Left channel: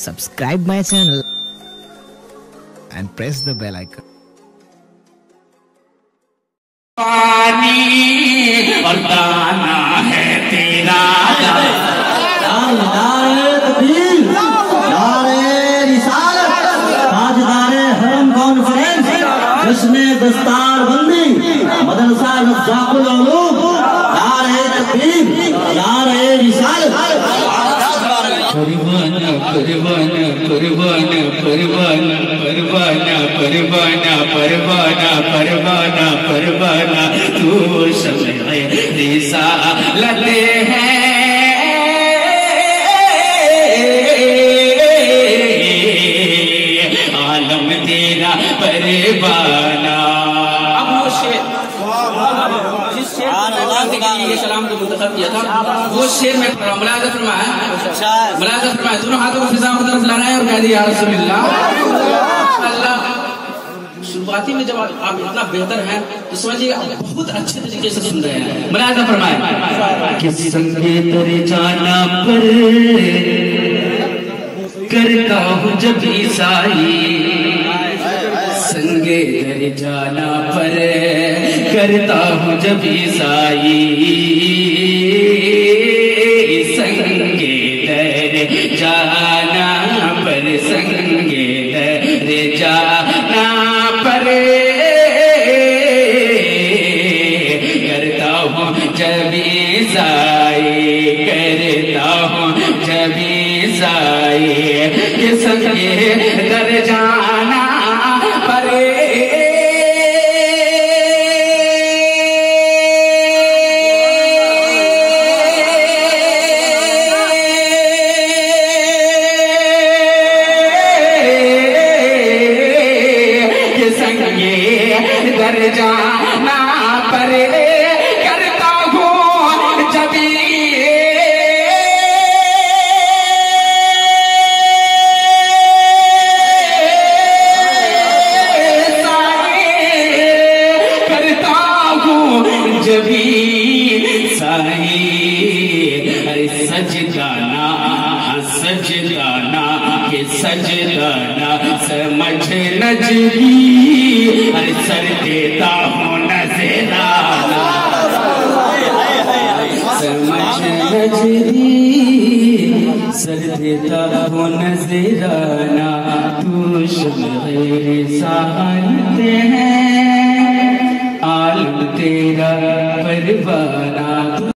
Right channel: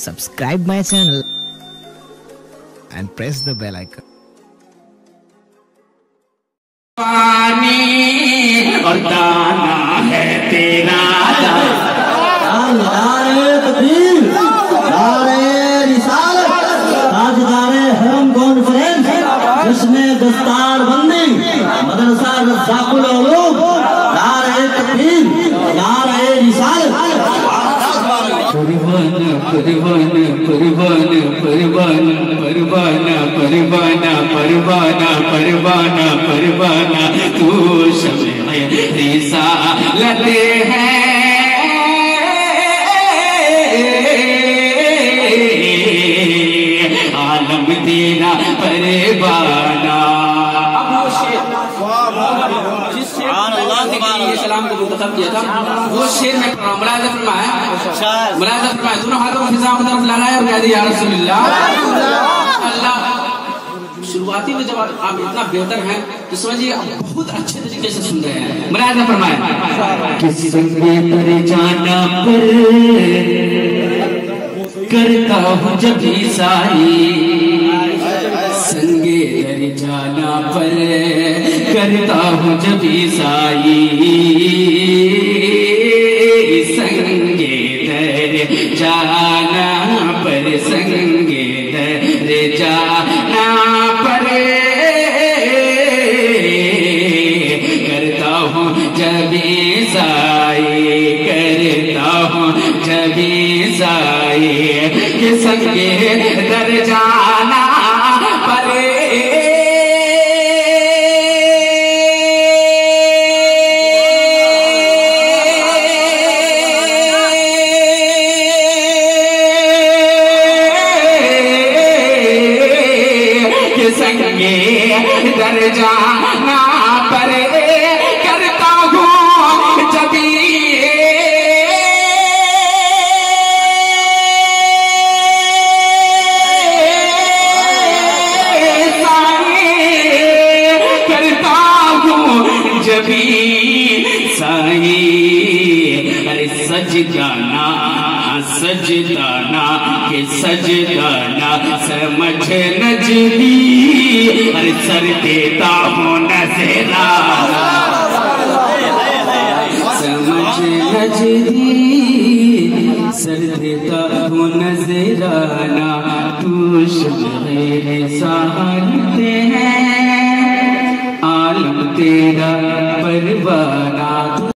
subscribe my channel and press the bell icon. पानी और दाना है तेरा नारे तकबीर, नारे रिसालत, ताजदारे हरम कॉन्फ्रेंस, जिसने दस्तार बंदी मदरसा रज़्ज़ाक़ुल उलूम, नारे तकबीर, नारे रिसालत। परवाना परवाना परवाना परवाना परवाना परवाना परवाना परवाना परवाना तू शम्ए रिसालत है, आलम तेरा परवाना। सलाम को मुंतखब किया था वो शेर में मुलाज़ा फरमाया, दोनों हाथों को फिजा की तरफ लगाया और कह दिया या रसूलल्लाह। अल्लाह शुरुआती में जब आप इतना बेहतर हैं तो समझिए बहुत अच्छे तरीके से सुन रहे हैं। मुलाज़ा फरमाया किस संगे तर जाना पर करता हूँ जब ईसाई, संगे दर जाना पर करता हूँ जब ईसाई, संगे दर जाना पर संगे दर जाना पर करता हूँ जब ईसाई, करता हूँ जब ईसाई के संगे दर जाना पर दर जाना पर करता हूँ जब करता हूँ जब साई। अरे सजदाना सजदाना के सजदाना समझ नजरी, अरे सर देता हूँ नजराना, समझ नजरी सर देता हूँ नजराना।